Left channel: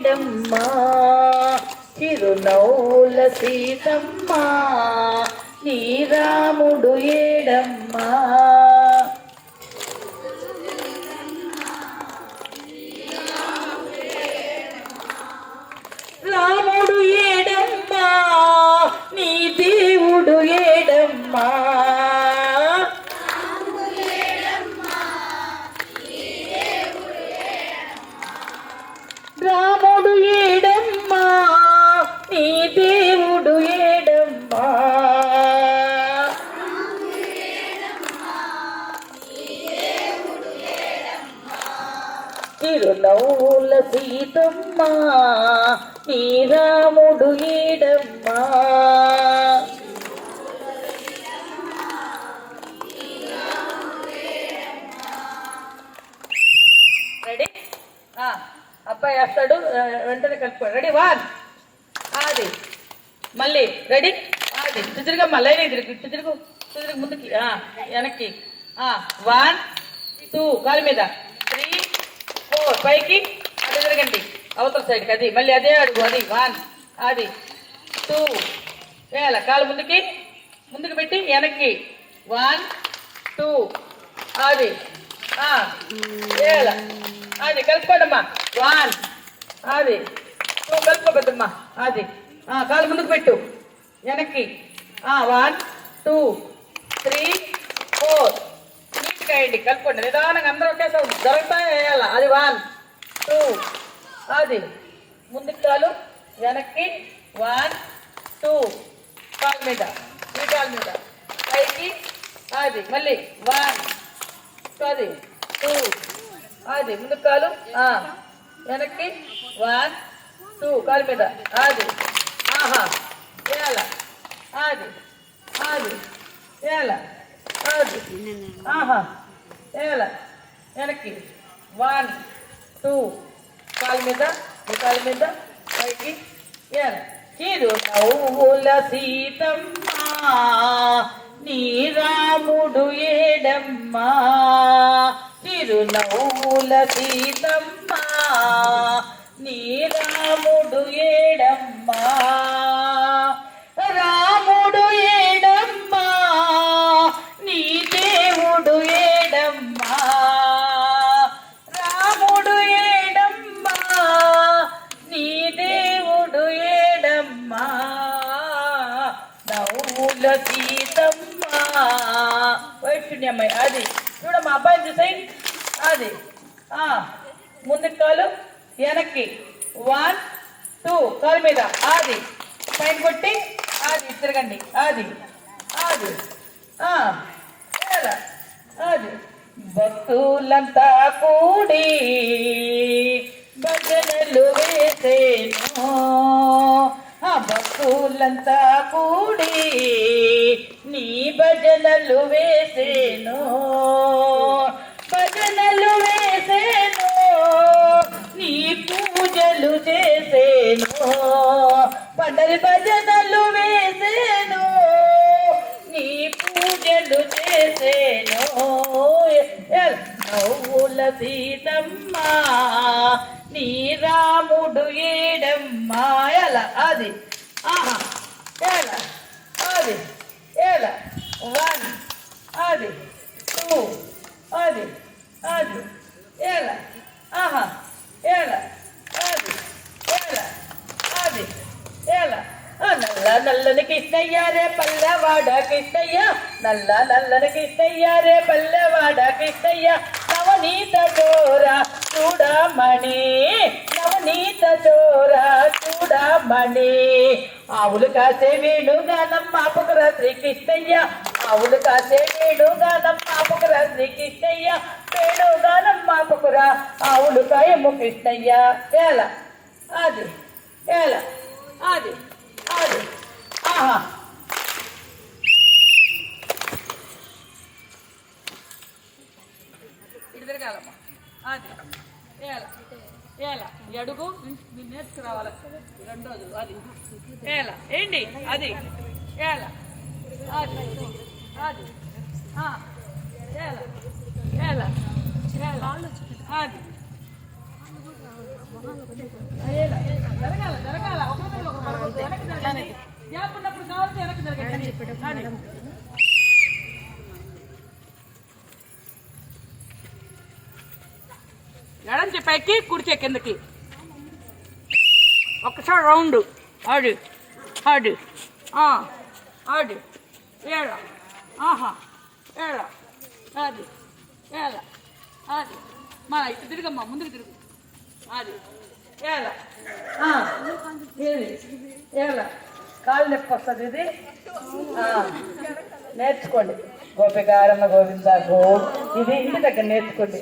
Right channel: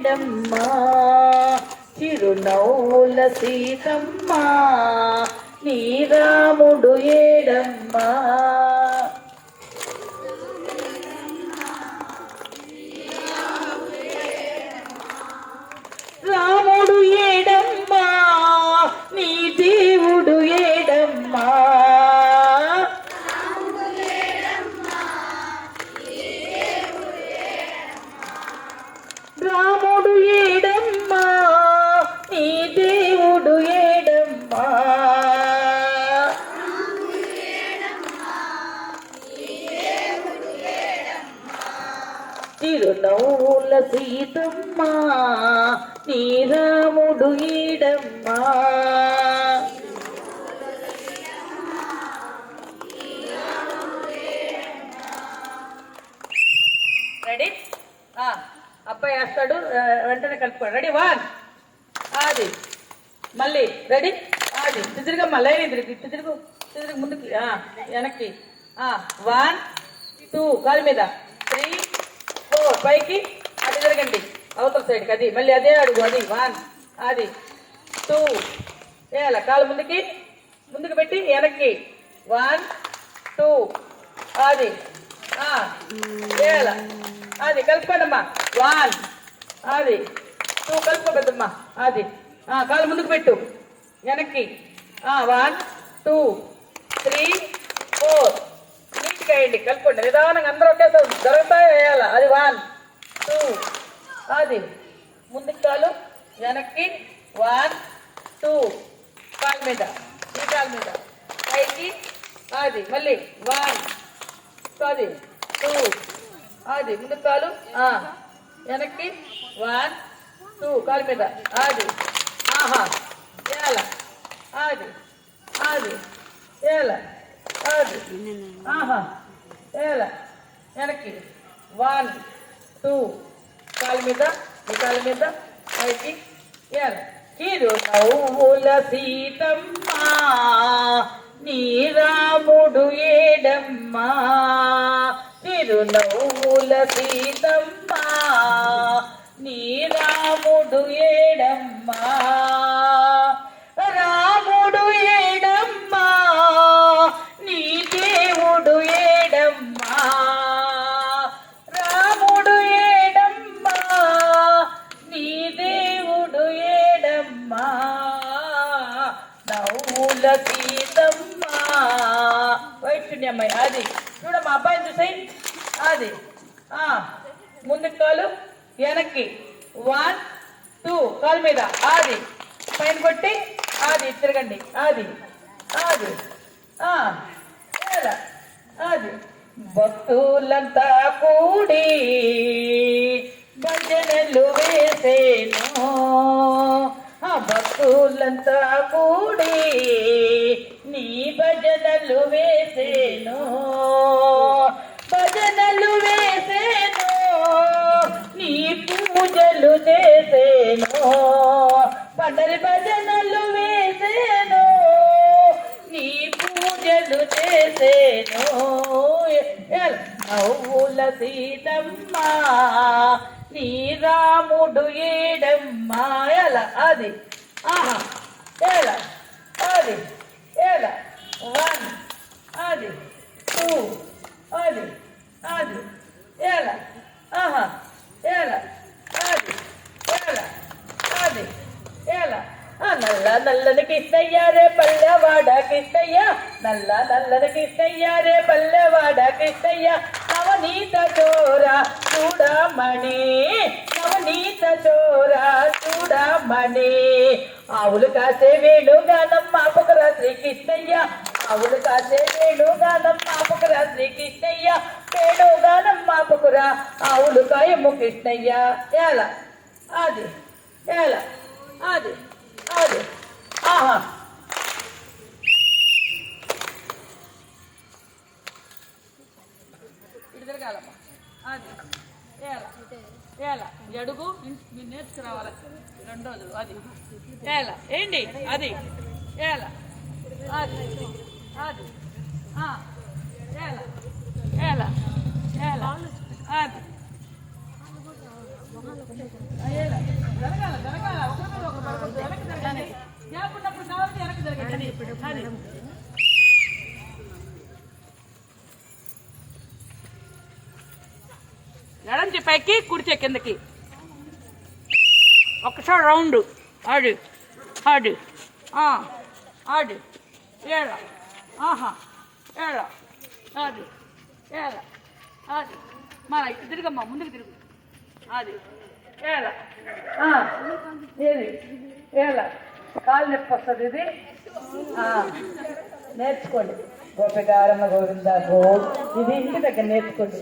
డమ్మా చిరునవ్వుల సీతమ్మా నీ రాముడు ఏడమ్మా రాముడు ఏడమ్మా నీ దేవుడు ఏడమ్మా రాముడు ఏడమ్మా నీ దేవుడు ఏడమ్మా చిరునవ్వుల సీతమ్మా నీ రాముడు ఏడమ్మా రెడీ అబ్బాయి వస్తాడు వెంటనే కలుపుకోండి రెడీ వన్ అది మళ్ళీ రెడీ అది తిరిగమ్మా లైన్ తిరుగు ముందుకి వెనక్కి వన్ టూ కాలు మీద 3 4 పైకి అటు తిరగండి అవతల సైడ్కి అది మళ్ళీ అదే అడుగు అది వన్ అది 2 వేయాల కాలు ముందుకి పెట్టి వెనక్కి 1 2 అది వేయాల అది కలుపుకోండమ్మా 1 అది 2 కలుపుకోబద్దమ్మా అది కాలు ముందుకు పెట్టు వెనక్కి 1 2 3 4 నీట్గా వేయండి కలుపుకోండి నిదానంగా అందరూ ఒకేసారి జరుగుతా వేయాల అది 1 2 అది ముందుకు కాలు వెనక్కి 1 2 కాలు మీద ఈ కాలు మీద పైకి అది మళ్ళీ 1 అది 2 అది ముందుకు కాలు వెనక్కి 1 2 కాలు మీద అది వేయాల అది వేయాల అది వేయాల వెనక్కి 1 2 కాలు మీద ఈ కాలు మీద పైకి వేయాల చిరునవ్వుల సీతమ్మా నీ రాముడు ఏడమ్మా చిరునవ్వుల సీతమ్మా నీ రాముడు ఏడమ్మా రాముడు ఏడమ్మా నీ దేవుడు ఏడమ్మా రాముడు ఏడమ్మా నీ దేవుడు ఏడమ్మా నవ్వుల సీతమ్మా వైపుణ్యమ్మాయి అది చూడమ్మా అబ్బాయిని చూసాయి అది ముందుకు కాలు వెనక్కి 1 2 కాలు మీద అది పైన కొట్టి అది తిరగండి అది అది భక్తులంతా కూడి భజనలు వేసేను భక్తులంతా కూడి నీ భజనలు వేసేను భజనలు వేసేను నీ పూజలు చేసేను పండరి భజనలు వేసేను నీ పూజలు చేసేను నవ్వుల సీతమ్మా నీ రాముడు ఏడమ్మా అది అది 1 అది 2 అది అది నల్ల నల్లని కృష్ణయ్య రే పల్లెవాడ కృష్ణయ్య నల్లని కృష్ణయ్య రే పల్లెవాడ కృష్ణయ్య నవనీత చోర చూడమణి నవనీత చోర చూడమణి ఆవులు కాసే వేణుగానం మాపుకురా శ్రీకృష్ణయ్య ఆవులు కాసే వేణుగానం మాపుకురా శ్రీకృష్ణయ్య వేణుగానం మాపుకురా ఆవులు కాయము కృష్ణయ్య అది అది ఇటు తిరగాలమ్మా అది అడుగు మీరు నేర్చుకురావాలి రెండోది అది ఏంటి అది అది అది అది అది ఎడంచి పైకి కుడిచే కిందకి ఒకసారి రౌండ్ ఆడు ఆడు ఆడు ఏళ ఆహా ఏళ అది ఏళ అది మన ఇటు తిరుగమ్మా ముందుకు తిరుగు అది ఏళ ఏది ఏళ కాలు నొప్పి వస్తుంది ఇది నేర్చుకోండి గోపికారమ్మ గోవింద గో ఇది ఇంటి దగ్గర నేర్చుకోండి.